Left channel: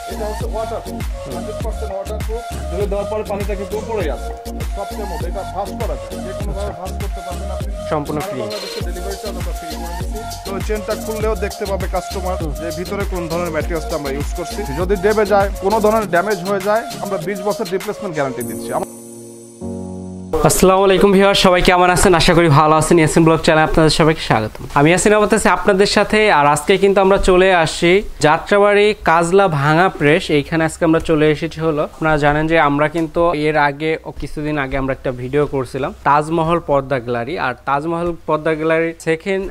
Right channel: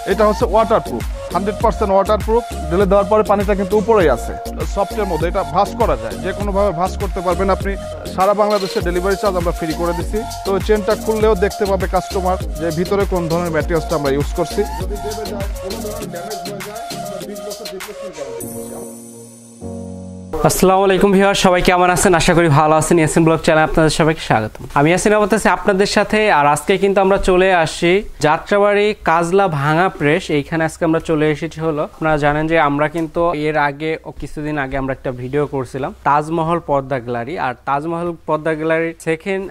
এটা হচ্ছে waterproof 100% waterproof ঢেলে দেওয়ার পরে পানিটা কিন্তু উপরেই আছে সফটের মধ্যে এটা ভাঁজ করা যায় যে কোনো ভাবে ভাঁজ করতে পারবেন আপনি সারা বাংলাদেশে ডেলিভারি চার্জ আমরা ফ্রি করে দিচ্ছি তো চেনটা খুললেও দেখতে পাবে কাস্টমার যে ভিতরে কোন ধরনের ম্যাটেরিয়ালসটা আমরা ইউজ করছি যদি ডেবে যায় কোনো ধরনের ড্যামেজ হয়ে যায় আমরা 20 বছর রিপ্লেসমেন্ট গ্যারান্টি দিচ্ছি। আসসালামু আলাইকুম ভিউয়ার, সবাই কেমন আছেন? আশা করি ভালো আছেন। ইয়াসিন ব্লগ চ্যানেলে আপনাদের সবাইকে স্বাগত। আমি ইয়াসিন আছি আপনাদের সাথে। আর আজকে কিন্তু আমরা চলে আসি যাত্রাবাড়ি কাজলা ভাঙা প্রেস। এইখানে আজকে আমরা চলে এসেছি হলো, আপনারা জানেন যে আমরা কিন্তু এর আগে কিছুদিন আগে আমরা একটা ভিডিও করছিলাম তাজমহল পর্দা গ্যালারি। আর তাজমহল পর্দা গ্যালারির সেকেন্ড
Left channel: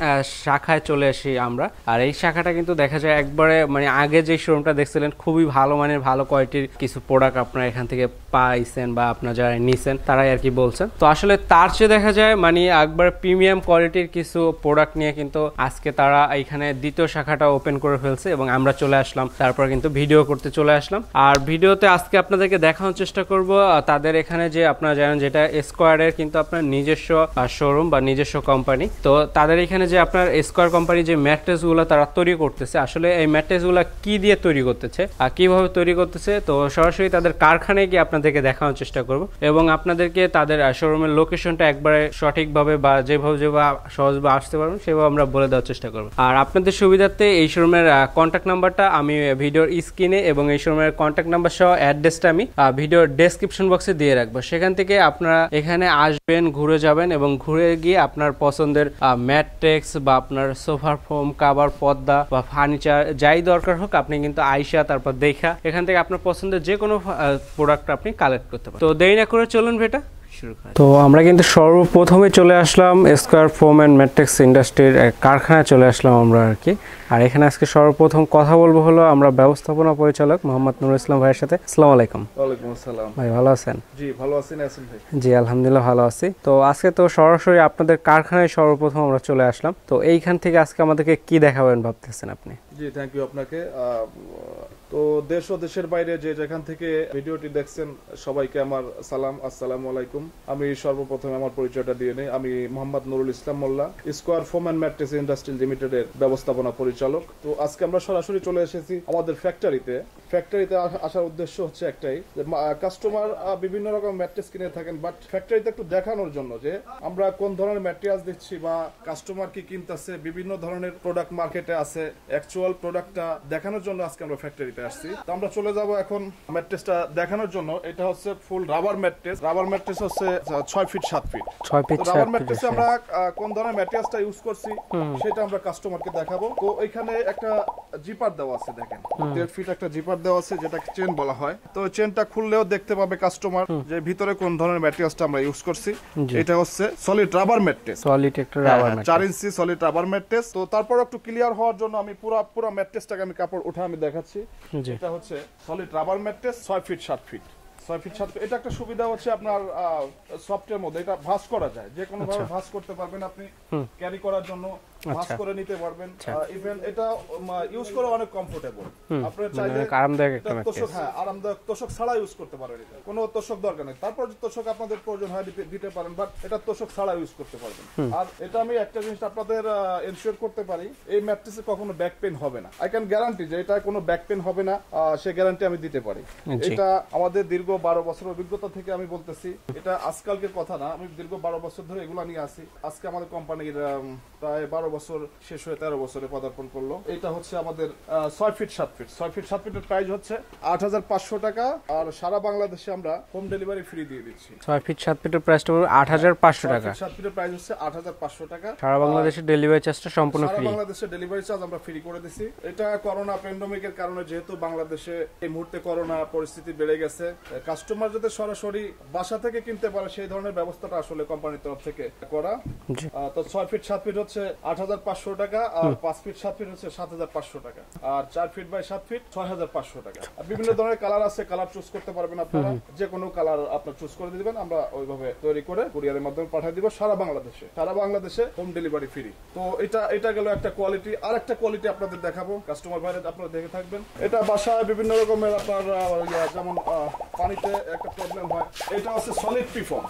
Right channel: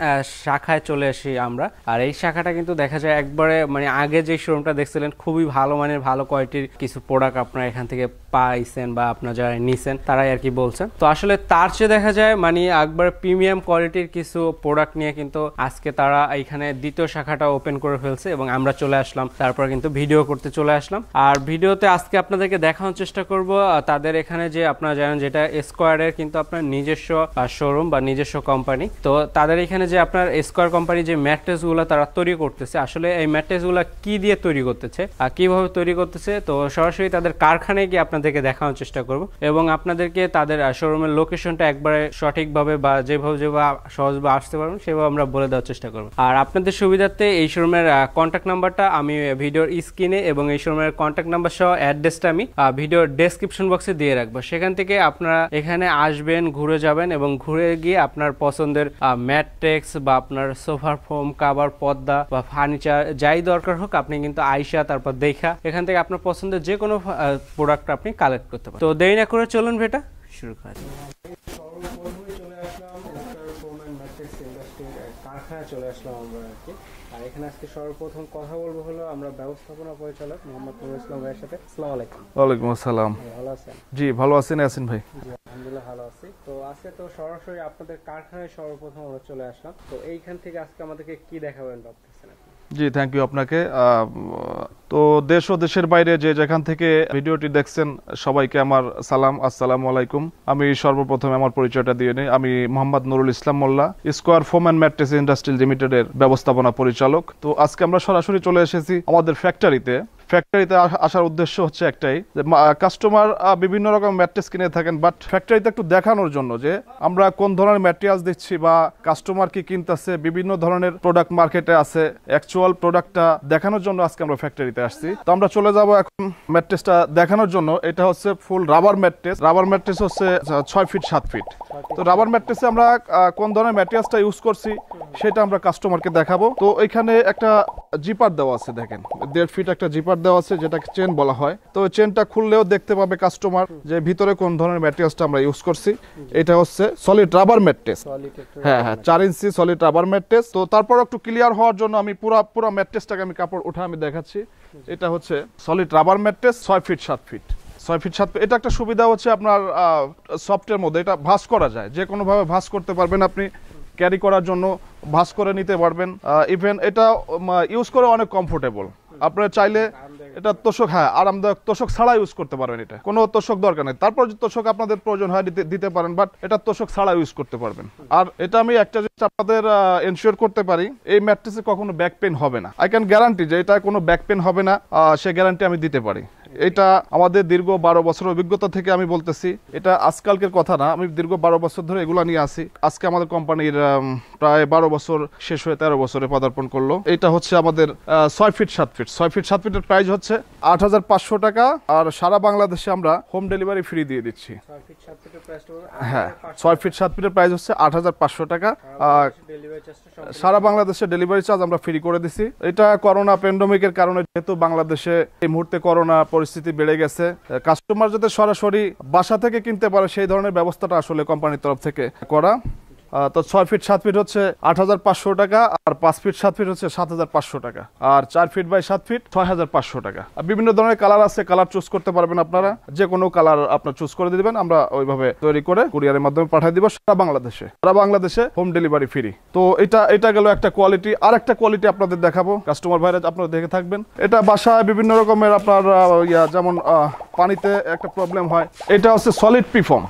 শাখায় চলে আসি আমরা। আর এই শাখাটা কিন্তু দেখা যায় একবারে মানে আগে যে শোরুমটা দেখছিলেন খুবই ভালো মানের ভালো কোয়ালিটির কিছু প্রোডাক্ট আপনারা এখান থেকে পাইছেন বা আপনারা যারা নিছেন তারাই আর কি বলছেন। তো আসলে তার চেয়ে দেখা যায় মানে একবার প্রিমিয়াম কোয়ালিটির কিছু প্রোডাক্ট নিয়ে কিন্তু আজকে তারা এখানে দ্বিতীয় শাখাটা ওপেন করে ফেলছে এবং আমরা চলে আসলাম, তারপর কিন্তু ভিডিও করতে চলে আসলাম। আর ভিডিওতে আজকে আপনাদেরকে দেখানোর চেষ্টা করব তাদের এখানে যে আপনারা জানেন যেটা স্কোয়ারের কিন্তু আপনার নিজস্ব শোরুম বা নিজস্ব কোম্পানি। তো তাদের এখানে যে আপনার স্কোয়ার কোম্পানি যে ম্যাট্রেস গুলো তারা তৈরি করতেছে, আসলে এই ম্যাট্রেস গুলো কি দিয়ে তৈরি করতেছে আর কিভাবে তৈরি করতেছে, তো সরাসরি তাদের কারখানায় গিয়ে আপনাদেরকে দেখানোর চেষ্টা করব এবং আপনাদেরকে তাদের শোরুমের লোকেশনটা একবারে সঠিকভাবে বা যেভাবে সহজভাবে আসতে পারবেন সেভাবে আমরা বলে দেওয়ার চেষ্টা করব। আর আপনাদের সুবিধার্থে এই শোরুমের কন্ট্যাক্ট নাম্বারটা আমি ভিডিওর স্ক্রিনে এবং এই শোরুমের কন্ট্যাক্ট নাম্বার সহ অ্যাড্রেসটা আমি ভিডিওর ডেসক্রিপশন বক্সে দিয়ে রাখবো। সেখান থেকে আপনারা এখানে আসবেন, ঘুরে যাবেন এবং ঘুরে গিয়ে আপনার পছন্দের ম্যাট্রেস বা আপনার সোফার ফোম, কাভার, পর্দা বা ফার্নিচার যাই দরকার হোক আপনি কিন্তু আইসা তারপর দেখা এখান থেকে আপনার পছন্দের যে কোনো প্রোডাক্ট আপনি কালেক্ট করতে পারেন। তো দেরি না করে চলুন বেটা। তো আমরা কিন্তু সর্বপ্রথমে চলে আসলাম স্কোয়ার ফোম অ্যান্ড ম্যাট্রিক্স ইন্ডাস্ট্রির কারখানায় চলে আসলাম আমরা আর কি। আর এখানে আজকে সর্বপ্রথম কথা বলবো হলো আমরা ব্যবস্থাপনা পরিচালক মোহাম্মদ নুরুল ইসলাম ভাইয়ের সাথে। আসসালামু আলাইকুম। ওয়ালাইকুম আসসালাম। ভাই ভালো আছেন? জি ভালো আছেন ইয়াসিন ভাই? জি আলহামদুলিল্লাহ ভালো আছি। তো আজকে তো সরাসরি আপনাদের কারখানায় সর্বপ্রথম আমরা চলে আসলাম। তো এইখান থেকে আজকে আমাদেরকে কি দেখাবেন ভাবতেছেন আপনি? জি থ্যাংক ইউ আপনাকে। তো দেশ ও দেশের বাইরে যে যেখান থেকে ভিডিওটি দেখছেন সবাইকে আমার সালাম, আসসালামু আলাইকুম। আমি সর্বপ্রথম আমার পরিচয়টা দিয়ে নিই। আমি Mohammad Nurul Islam Molla, square foam and mattress industry লিমিটেডের ব্যবস্থাপনা পরিচালক। তো আজকে আমরা সরাসরি চলে এসেছি আমাদের ফ্যাক্টরিতে আসার উদ্দেশ্য হচ্ছে একটাই যে কাস্টমার বিভিন্ন রকম ম্যাট্রেস কিনে থাকেন, বাট ফ্যাক্টরিতে একটু দেখানোর জন্য যে আমরা কোন ধরনের ম্যাটেরিয়ালস দিচ্ছি বা কাস্টমার কি কিনতেছে, বিভিন্ন ধরনের প্রোডাক্ট মার্কেটে আছে, অ্যাকচুয়াল প্রোডাক্টটা দেখানোর জন্য আজকে আমরা ফ্যাক্টরিতে আসছি। তো আমরা চলে যাব এখন ম্যাট্রেসটা দেখানোর জন্য। এটা হচ্ছে ফুল রাবার ম্যাট্রেস। রাবার ম্যাট্রেস হচ্ছে 6 ফিট 7 ফিট। তো রাবার ম্যাট্রেসে আমরা কোন ধরনের ম্যাটেরিয়ালসটা ইউজ করছি সেটা আমরা কাস্টমারকে দেখাবো। তো এখানে একটা জিপার দেওয়া আছে, দেখেন 1.5 ফিট একটা জিপার দেওয়া আছে যেটাকে চেন বলা হয়। তো চেনটা খুললেও দেখতে পাবে কাস্টমার যে ভিতরে কোন ধরনের ম্যাটেরিয়ালসটা আমরা ইউজ করছি। এটা হচ্ছে সলিড রাবার ম্যাট্রেস, সলিড একটা রাবার 4 ইঞ্চি সলিড রাবার ম্যাট্রেস। তো তারপর একটু ক্লিয়ার হওয়ার জন্য আমি পুরো ম্যাট্রেসটাকে আমি কাপড় উঠে আমি দেখাচ্ছি। এটা হচ্ছে solid rubber mattress 6 feet 7 feet. 6 feet 7 feet. এটা একটা সুবিধা হচ্ছে আপনার সফটের মধ্যে এটা ভাঁজ করা যায়, যে কোনো ভাবে ভাঁজ করতে পারবেন আপনি, ক্যারি করার জন্য ভাঁজ করে নিতে পারবেন। ইভেন এটা ইউজ করে অনেক কমফোর্টেবল। আপনারা চাইলে এটা তোষক, আরামদায়ক তোষক ছাড়া ইউজ করতে পারবেন। এটা কোনো তোষক দরকার নেই, তারপর যদি তোষক আপনাদের প্রয়োজন হয় দিতে পারেন, বাট এটা তোষক ছাড়া ইউজ করতে পারবেন। আর এটা আমি একটা জিনিস আপনাদের এনশিওর করতে পারি, এই ম্যাট্রেসে কখনো ব্যাক পেইন হবে না। আই ক্যান গ্যারান্টি যে এটা কোনো ব্যাক পেইন হবে না, সে গ্যারান্টি আমি দিতে পারি। এটা আমাদের দীর্ঘ 12 বছরের অভিজ্ঞতা থেকে আমি বলতেছি, এটা আজকালকের কথা না, আমি দীর্ঘ 12 বছর ধরে এগুলা নিয়ে আসি। আজকে আমাদের কোম্পানির প্রায় 12 বছর শেষ হয়ে 13 বছরে পদার্পণ করলো। এটা হচ্ছে আমাদের 6 ফিট 7 ফিট। 6 ফিট 7 ফিটের প্রাইস হচ্ছে 8500 টাকা। আর সারা বাংলাদেশে আমরা হোম ডেলিভারি ফ্রি দিয়ে দিচ্ছি। 6 ফিট 7 ফিটের প্রাইসটা 8500 টাকা। 6 ফিট 7 ফিটের প্রাইস হচ্ছে 8500 টাকা। সারা বাংলাদেশে ডেলিভারি চার্জটা সম্পূর্ণ ফ্রি। সারা বাংলাদেশে ডেলিভারি চার্জ আমরা ফ্রি করে দিছি। এটা করোনা প্যান্ডেমিকের কারণে যেহেতু বাংলাদেশে এই মুহূর্তে করোনা পরিস্থিতি বেড়ে গেছে, কাস্টমার যাতে সরাসরি বাসা থেকে কিনতে পারে সেই ধরনের ব্যবস্থাটা আসলে কোম্পানির তরফ থেকে করা। তো 6 ফিট 7 ফিট হচ্ছে 8500 টাকা, আর 5 ফিট 7 ফিট হচ্ছে 7500 টাকা, আর 4 ফিট বাই 7 ফিট 6500 টাকা। বিভিন্ন ধরনের কালার আছে, কালার চুজ করতে পারবেন আপনারা, যে কোনো কালার আপনারা চুজ করে দিবেন, আমরা ওইভাবে তৈরি করে কুরিয়ারের মাধ্যমে পাঠিয়ে দিব সারা বাংলাদেশে হোম ডেলিভারি ফ্রি। তো এটা গেল একটা কোয়ালিটি। আর একটা কোয়ালিটি আপনাদের দেখাবো, কাস্টমার ভাইরা আপনারা দেখে থাকবেন। এটা বাসায় বিভিন্ন রকমের আপনার যেমন পানিতে একটা প্রবলেম হয়, এটা হচ্ছে সলিড পিফর্ম।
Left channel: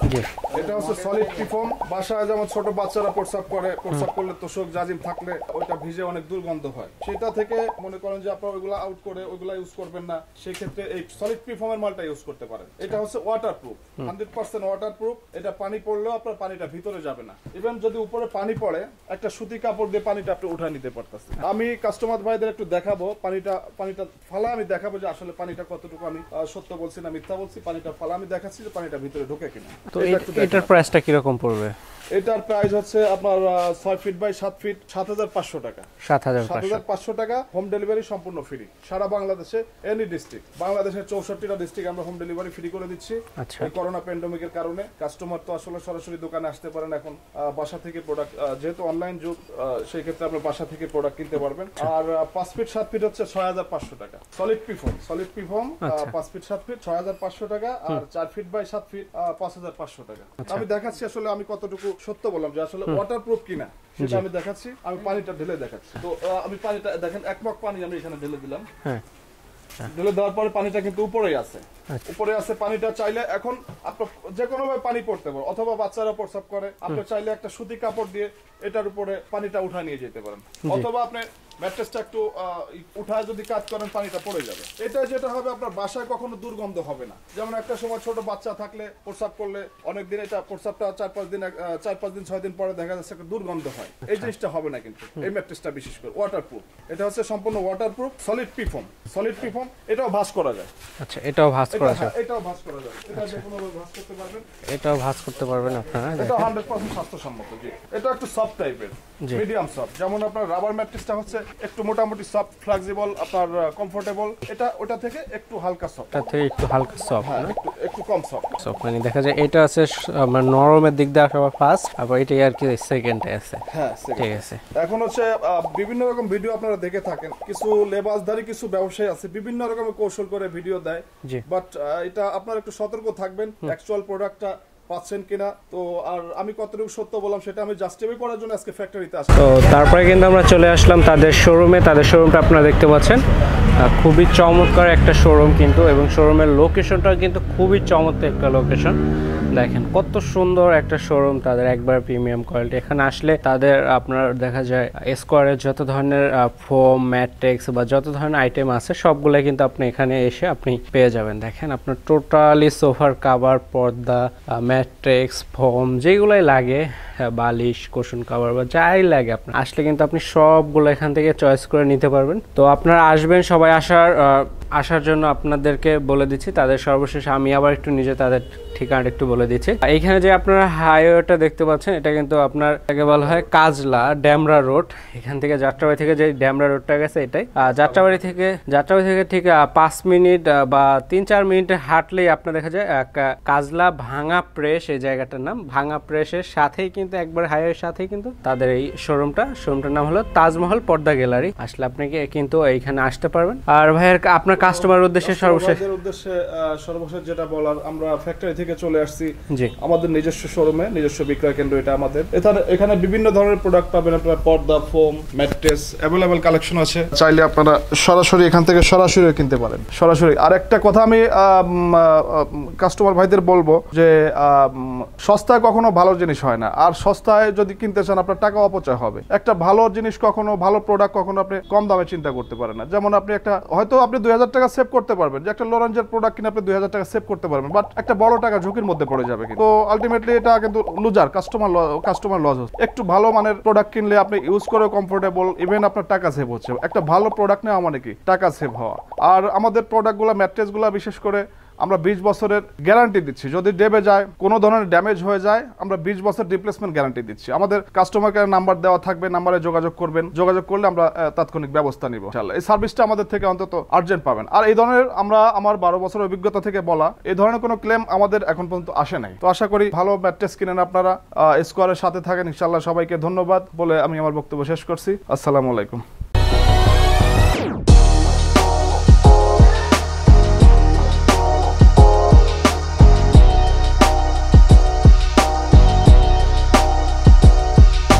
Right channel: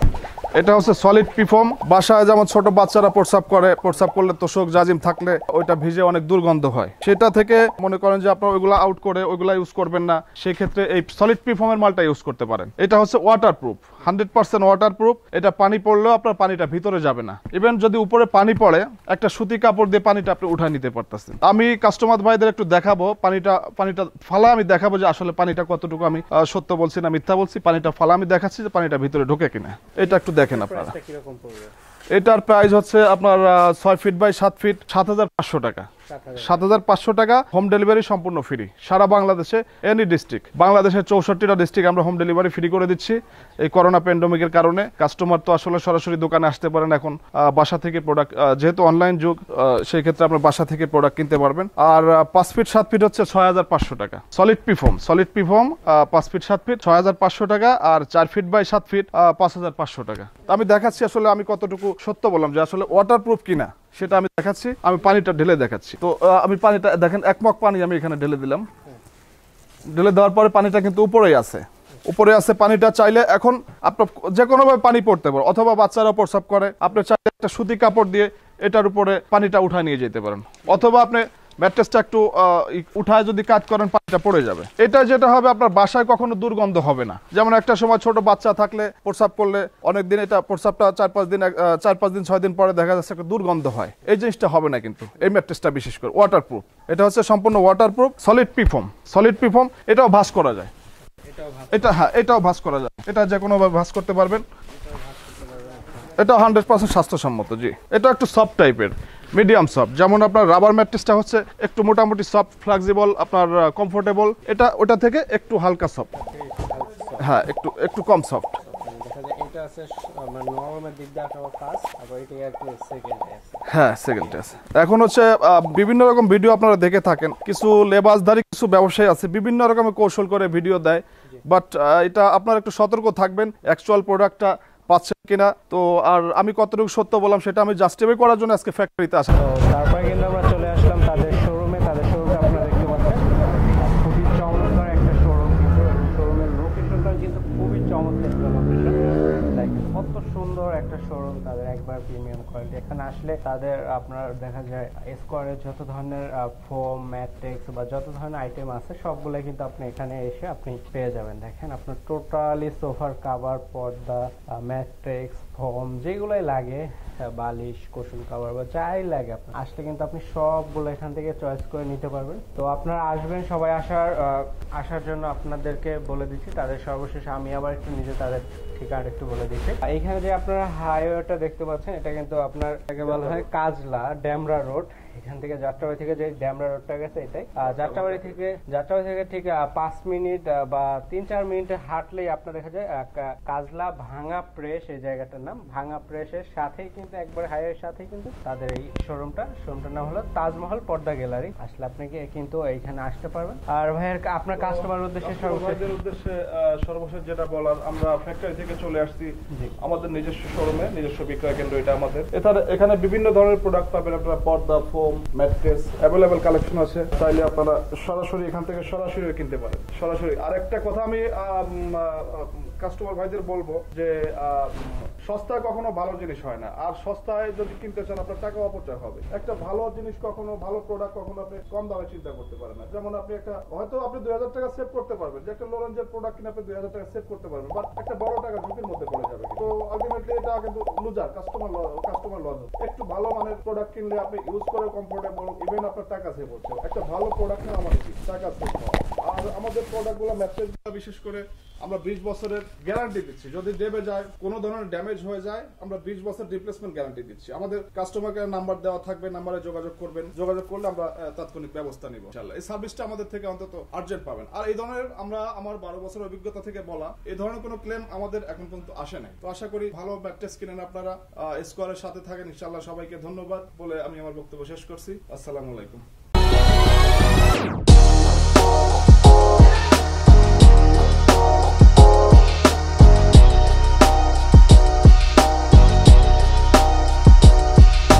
এটা হচ্ছে সলিড পিফোম। বাসায় যেমন ছোট বাচ্চারা প্রস্রাব করে, প্রস্রাব করলে তোষক জাজিম থাকলে ওইটা ভিজে অনেক দুর্গন্ধ হয়, সেটা থেকে মনে করেন যে আপনারা ওইগুলা আউট করে ওইগুলা ইউজ করবেন না, সেই ক্ষেত্রে এই সলিড পিফোমের মালটা ইউজ করতে পারেন। এটা হচ্ছে ওয়াটারপ্রুফ, 100% ওয়াটারপ্রুফ। এটা পানি পড়লেও আপনার পানিটা ভিতরে যাবে না। ইভেন যদি উপরে পানি পড়ে, একটা সুতি কাপড় দিয়ে পানিটা আপনি উঠায় নিতে পারতেছেন। আমি কাস্টমার ভাইদের একটু দেখাবো, পানিটা ফালা আমি দেখাবো যে আসলে পানিটা কতটুকু আমি সত্য বলছি না মিথ্যা বলছি। পানিটা ফালা আমি দেখাচ্ছি যে পানিটা ভিতরে ঢোকে কিনা। তো এটা একটু দেখেন। এটার প্রাইসটা কি রকম পড়বে? এটার প্রাইস হচ্ছে আপনার 6 ফিট বাই 7 ফিট 7,500 টাকা। 7,500 টাকা। হোম ডেলিভারি সম্পূর্ণ ফ্রি সারা বাংলাদেশে, এনি ডিস্ট্রিক্ট। বাংলাদেশের 64টা ডিস্ট্রিক্ট আমরা হোম ডেলিভারি ফ্রি করে দিচ্ছি। এই করোনা প্যান্ডেমিকের কারণে কাস্টমার তো আসলে সরাসরি দোকানে আসতে পারেন, এখন বাসা থেকে প্রোডাক্ট, যেহেতু অনলাইন যুগ, সেই ক্ষেত্রে আপনার বাসা থেকে প্রোডাক্ট কিনতে পারবেন। আর 5 ফিট 7 ফিট হচ্ছে 6,500 টাকা। সলিড পিফোম 5 ফিট 7 ফিট 6,500 টাকা। আর 4 ফিট বাই 7 ফিট 5,500 টাকা। আমি দেখাচ্ছি আসলে আমি কতটুকু সত্য বললাম যে আসলে ওয়াটারপ্রুফ কিনা সেটা আমি দেখাচ্ছি। আমি পানিটা ঢেলে দেখাচ্ছি। তো আমি পানিটা দেখেন, এক মগ পানি আমি এখানে ঢেলে দিলাম। ঢেলে দেওয়ার পরে পানিটা কিন্তু উপরেই আছে, উপরে আছে পানিটা। চাইলে এখন আপনার যে কোনো ভাবে পানি পড়তে পারে, অথবা বাচ্চারা প্রস্রাব করে, আপনি চাইলে একটা সুতি কাপড় দিয়ে এটার উপরে পানিটা উঠায় নিয়ে যেতে পারেন, অথবা আপনি ম্যাট্রেসটা একটু উঠায় যদি কাজ করেন পানিটা পড়ে যাবে। এটা যেটা হবে আপনার বাসায় কখনো দুর্গন্ধ হবে না। যেমন একটা সময় ছোট বাচ্চা থাকলে প্রস্রাব করলে অনেকদিন এটা প্রস্রাবটা 4-5 দিন 6 দিন পরে দেখা যাচ্ছে একটা দুর্গন্ধ হয়, এই জিনিসটা হবে না কিন্তু এই ম্যাট্রেসটা বিশেষ করে ওয়াটারপ্রুফ। এটা হচ্ছে সম্পূর্ণ ওয়াটারপ্রুফ সলিড পিফোম। এটাও ভাঁজ করা যায়। আচ্ছা, এটাও ভাঁজ এটা হ্যাঁ, এটাও ভাঁজ করা যায়। এটা যে কোনো ভাবে ভাঁজ করতে পারবেন। এটাও ভাঁজ করতে পারবেন আপনারা। এটা 100% স্বাস্থ্যসম্মত। জি, এটা একটু সফট টাইপের, মিডিয়াম সফট। যেমন আপনার রাবার ম্যাট্রেসটা হচ্ছে একটু মোটামুটি সফট, ফ্লেক্সিবল, আপনার কমফোর্টেবল। এটা ওটা থেকে একটু হালকা সফট, একটু হালকা সফট। হ্যাঁ, একটু কম সফট। মানে দেখা যায় এটা আছে মানে নরমের দিক দিয়ে আবার ফার্স্ট, আবার এটাই আর কি সেকেন্ডে আছে। হ্যাঁ, সেকেন্ড আছে। এখন হচ্ছে বিভিন্ন রকম ভিডিও আপনারা দেখে থাকেন, কিছু লেবাসদারি কিছু ব্যবসায়ী আছে বিভিন্ন রকমের কৌশল করে ভিডিও দেয়, বাট এটা আপনারা একটু সতর্ক থাকবেন অ্যাকচুয়াল প্রোডাক্টটা পাচ্ছেন কিনা। তো আর আমি কতটুকু সত্য বললাম সেটা আমি জাস্টিফাই করার জন্য আজকে ফ্যাক্টরিতে আসলাম। তো তারপরে কিন্তু আমরা চলে আসলাম তাদের শোরুমে। তাদের শোরুমটা আপনারা দেখতে পাচ্ছেন, খুবই চমৎকার একটা শোরুম কিন্তু, এবং শোরুমের লোকেশনটা কিন্তু খুবই চমৎকার একটা লোকেশন। দেখেন কত সুন্দর একটা শোরুম, তাদের একবার প্রিমিয়াম কোয়ালিটি। এখানে আসলে তাদের আপনার দেখা যায় স্কোয়ারের যত ধরনের ফোম, ম্যাট্রেক্স বা যত ধরনের আইটেম আছে সবগুলো কিন্তু আপনি এখানে এসে আপনি পেয়ে যাবেন। দেখেন আপনার টোটালি সোফার কাভার, পর্দা, ম্যাট্রেক্স, ফোম যেগুলোই লাগে, বালিশ, কুশন কাভার বা যাই লাগে আপনার আসলে কিন্তু আপনি সবগুলো এখান থেকে চয়েস করে নিতে পারবেন। তো আপনারা আসবেন, সবাই আসার জন্য আপনাদেরকে বলে দিচ্ছি তাদের সর্বশেষ আমি আবার একটু নিজে তাদের ঠিকানাটা একটু বলে দিচ্ছি। এইখানে যে আপনারা হাইওয়েটা দেখতে পাচ্ছেন এটা কিন্তু আপনার এটাকে বলা হয় কাজলা ড্যামরা রোড। এখান থেকে যাত্রাবাড়ি থেকে যে ড্যামরা রোডটা গেছে এটাই। যাত্রাবাড়ি থেকে ঠিক 5 মিনিট বা 3-4 মিনিটে হাঁটলেই আপনার দেখা যায় কাজলা ভাঙা প্রেস, এই জায়গাটার নাম ভাঙা প্রেসের সাথেই কিন্তু একবার হাইওয়ের সাথেই কিন্তু তাদের এই শোরুমটার নাম হলো তাজমহল পর্দা গ্যালারি। আসলে আপনাকে কিন্তু এইখানে আসতে পারবেন। আর ভাইয়ের আপনার কাস্টমারের উদ্দেশ্যে সর্বশেষ যেটা বলার, আমরা ফ্যাক্টরি থেকে চলে আসছি আমাদের নিজস্ব শোরুমে, নিজস্ব বিক্রয় কেন্দ্র এটা আমাদের। এখানে বিভিন্ন ধরনের প্রোডাক্ট পাবেন আপনারা, পর্দা, ফোম, ম্যাট্রেস অ্যাভেলেবল কালেকশন আছে। চাইলে আপনারা সরাসরি এখান থেকে সরাসরি কিনতে পারেন, সরাসরি। আর একটা কথা আমি কাস্টমার ভাইদের বলবো যে সস্তায় কখনো ভালো জিনিস হয় না, আর সস্তায় যদি কিনতে চান আপনার টাকা অপচয় হবে। একটা ভালো জিনিস কখনো, ভালো প্রোডাক্ট কখনো আপনি কম দামে চিন্তা করতে পারেন না। যেমন আপনি হয়তো আপনি 2000 টাকা সেভ করতে পারবেন, যে একটা লরেঞ্জের প্রোডাক্ট কিনে আপনি 2000 টাকা সেভ করতে পারবেন, বাট একটা বড় টাকা ঝুঁকির মধ্যে পড়ে যাবে। তো আলটিমেটলি এটা কিন্তু লুজার, কাস্টমার লস হচ্ছে। একটু ভালো মানের প্রোডাক্ট কিনলে আপনি ইউজ করে কমফোর্টেবল, ইভেন আপনার টাকা সেভ হচ্ছে। একটা ভালো প্রোডাক্ট নেওয়া মানে কি টাকা সেভ হওয়া। আর আমাদের প্রোডাক্টগুলো, ম্যাট্রেসগুলো বিশেষ করে আমরা 20 বছরের গ্যারান্টি দিচ্ছি। যদি ডেবে যায়, কোনো ধরনের ড্যামেজ হয়ে যায়, আমরা 20 বছর রিপ্লেসমেন্ট গ্যারান্টি দিচ্ছি। আমাদের কাস্টমার কেয়ার নাম্বার দেওয়া থাকবে, নাম্বারে যোগাযোগ করবেন, যোগাযোগ করলে আমরা তাৎক্ষণিক ব্যবস্থা নিব। এই সার্ভিসটা আমাদের থেকে অন্তত আর্জেন্ট পাবেন। আর এই ধরনের আমার 12 বছরের অভিজ্ঞতা থেকে বলা, এই ধরনের কোনো ক্লেম আমাদের এখন পর্যন্ত আসে নাই। তো আশা করি ভালো ম্যাট্রেস কিনেন আপনারা, স্কোয়ারের সাথে থাকেন। ইনশাআল্লাহ সবাইকে ধন্যবাদ বলে আমি আমার বক্তব্য শেষ করছি। আসসালামু আলাইকুম।